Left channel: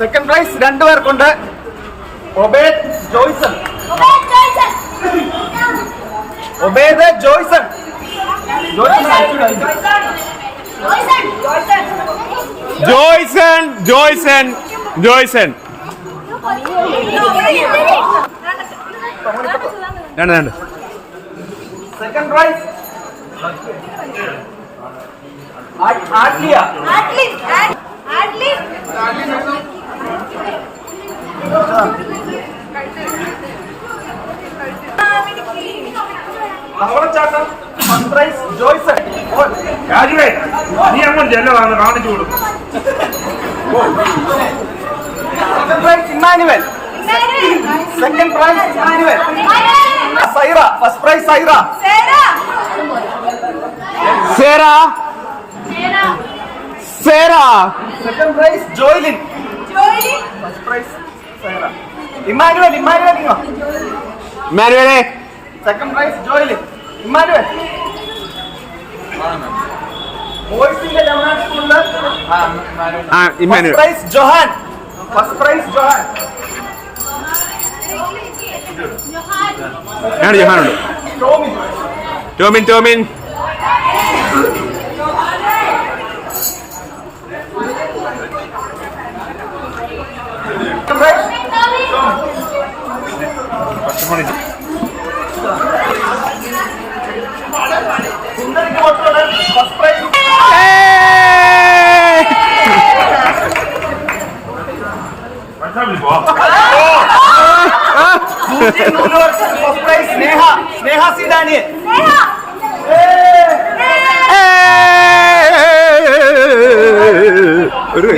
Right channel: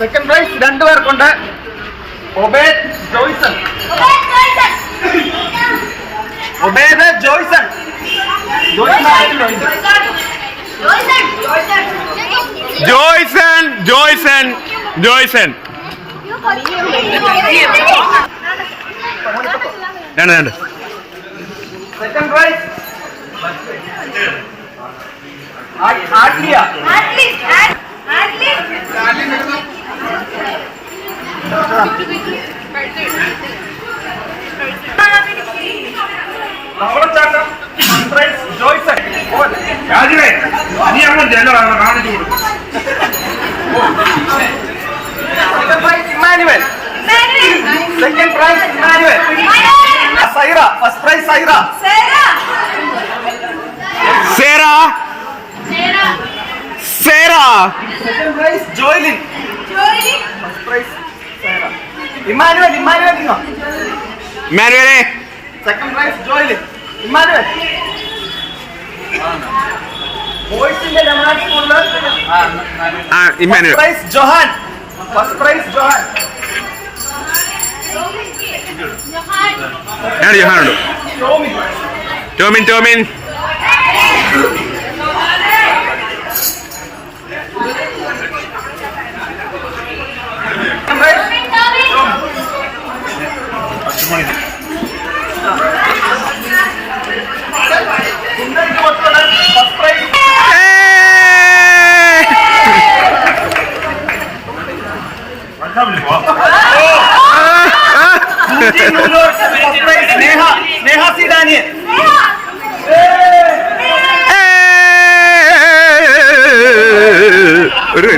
Second prize 2 പേർക്കുണ്ട്. ഒബേദ് ജോയ്സൺ. ഒബേദ് ജോയ്സൺ. ജോയ്സൺ ജോയ്സൺ ജോയ്സൺ. രണ്ട്. Second prize Adlia. പവളച്ചാട്ടം പ്രൈസ് ജോയ്സൺ. നീ അങ്ങോട്ട് കാണിച്ചു കൊടുക്കും. Second prize Immanuel. Second prize Immanuel. Saira. First prize Saira. Sera. Sera. Second prize Joylin. First prize Saira. Immanuel. Immanuel ഇങ്ങോ. ഇമ്മാനുവലേ. Second prize Joylin. ഇമ്മാനുവൽ. ബോയ്സിന്റെ ലമാറ്റ് സ്കൂളില് Immanuel. First prize Johan. First prize Johan. ജോഹാനുണ്ട്. ടോമിൻ. ടോമിൻ. സ്നേഹ സി ഡാനിയൽ.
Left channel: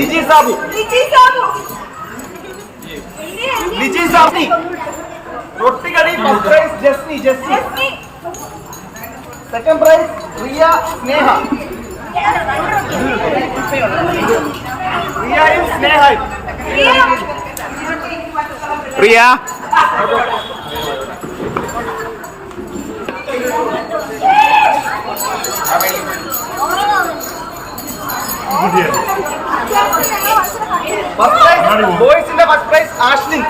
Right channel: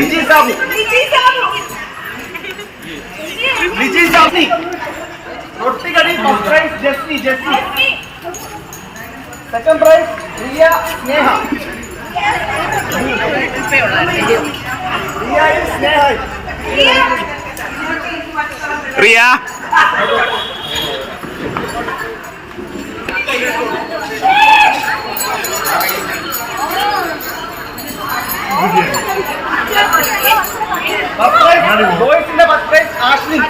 ലിജി സാബു. ലിജി സാബി. റൊട്ടിക്കടി. First prize Jasni. Second prize Riya Sneha. റിയയും സ്നേഹയും. റിയ. ബോയ്സിന്റെ ഫസ്റ്റ് പ്രൈസ് ആഷ്ലിൻ.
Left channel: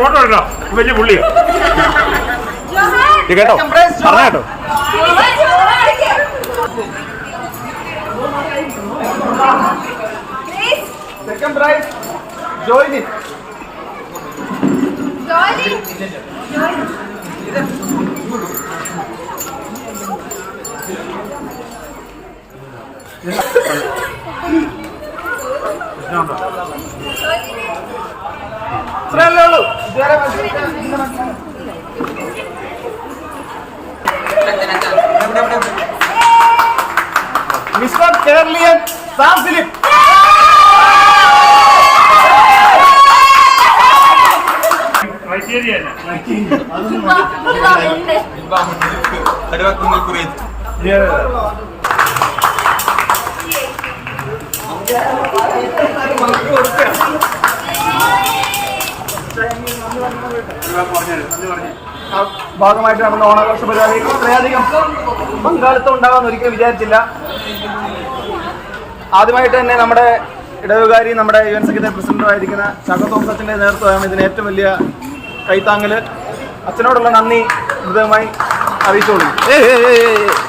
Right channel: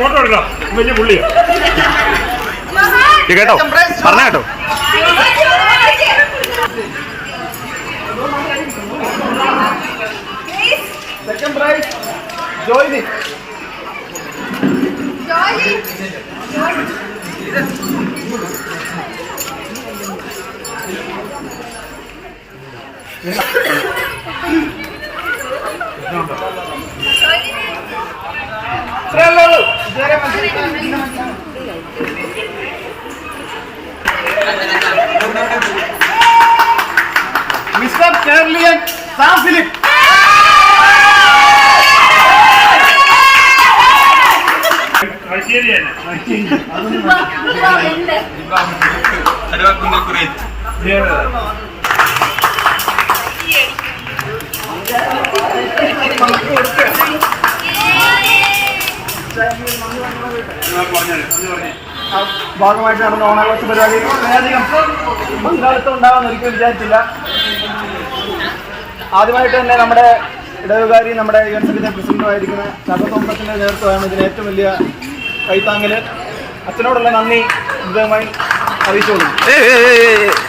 ഫോട്ടോ എടുക്കാം. വലിയ പുള്ളിയോ കേട്ടോ. പറഞ്ഞ കേട്ടോ. Second prize Joylin. Mister Keraliyan Sam Philip. ഭാഗമായിട്ട് നടന്ന ഓണാഘോഷ പരിപാടി വളരെയധികം പങ്കാളിത്തം ഉണ്ടാകാമെന്ന് ഒരിക്കലും വിചാരിച്ചില്ല. ആദ്യമായിട്ട് തന്നെ നമ്മുടെ ഇടവുകാരി നമ്മുടെ യുവൻ സെക്രട്ടറി പ്രസിഡന്റുമായിരിക്കുന്ന ചാക്കോ തോമസത്തിന്റെ നേതൃത്വമാണ് ഇതിന് ഏറ്റവും വലിയ കൈത്താങ്ങല്. അച്ഛനോടുള്ള നന്ദി ഹൃദയമായി അറിയിച്ചോളൂ.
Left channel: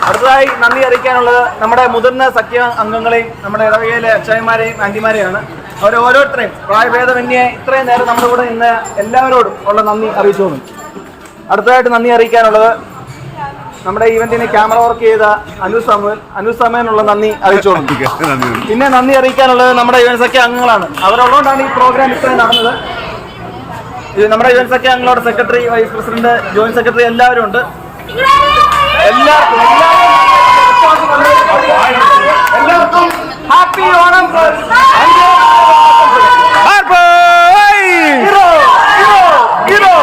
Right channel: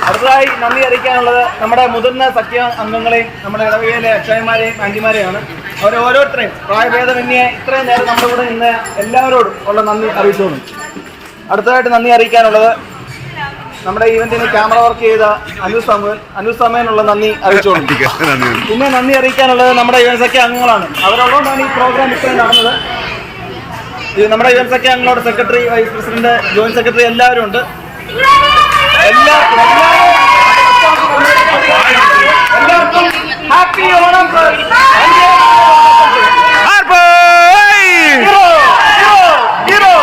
അടുത്തതായി നന്ദി അറിയിക്കാനുള്ളത് നമ്മുടെ മുതിർന്ന സഖ്യ അംഗങ്ങളെയും നമ്മുടെ ഇടവകയിലെ അക്ഷയന്മാരെയും ആന്റിമാരെയാണ്. അവരെ ഓരോരുത്തരെയും പ്രായഭേദമന്യേ ഇത്രയും നേരം നമ്മുടെ കൂടെ ഇന്ന് എല്ലാവരോടും ഉള്ള നന്ദി അറിയിച്ചോളൂ. അടുത്തതായിട്ട് നന്ദി അറിയിക്കാനുള്ളത് നമ്മുടെ ഈവന്റിന് ക്യാമറ വർക്ക് ചെയ്ത അനു സമയനുള്ള നന്ദി അറിയിച്ചോളൂ. പിന്നെ നന്ദി അറിയിക്കാനുള്ളത് നമ്മുടെ യുവൻ സഖ്യ അംഗങ്ങളാണ്. അവരുള്ളതുകൊണ്ടാണ് ഈ പ്രോഗ്രാം ഇത്രയും നടന്നത്. നമ്മുടെ യുവൻ സഖ്യ അംഗങ്ങളുടെ secretary, vice president, joint secretary എല്ലാവരും ഉണ്ട്. എല്ലാവർക്കും ഹാപ്പി ഓണം. ഹീറോ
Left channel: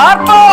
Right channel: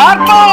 ആർത്തോ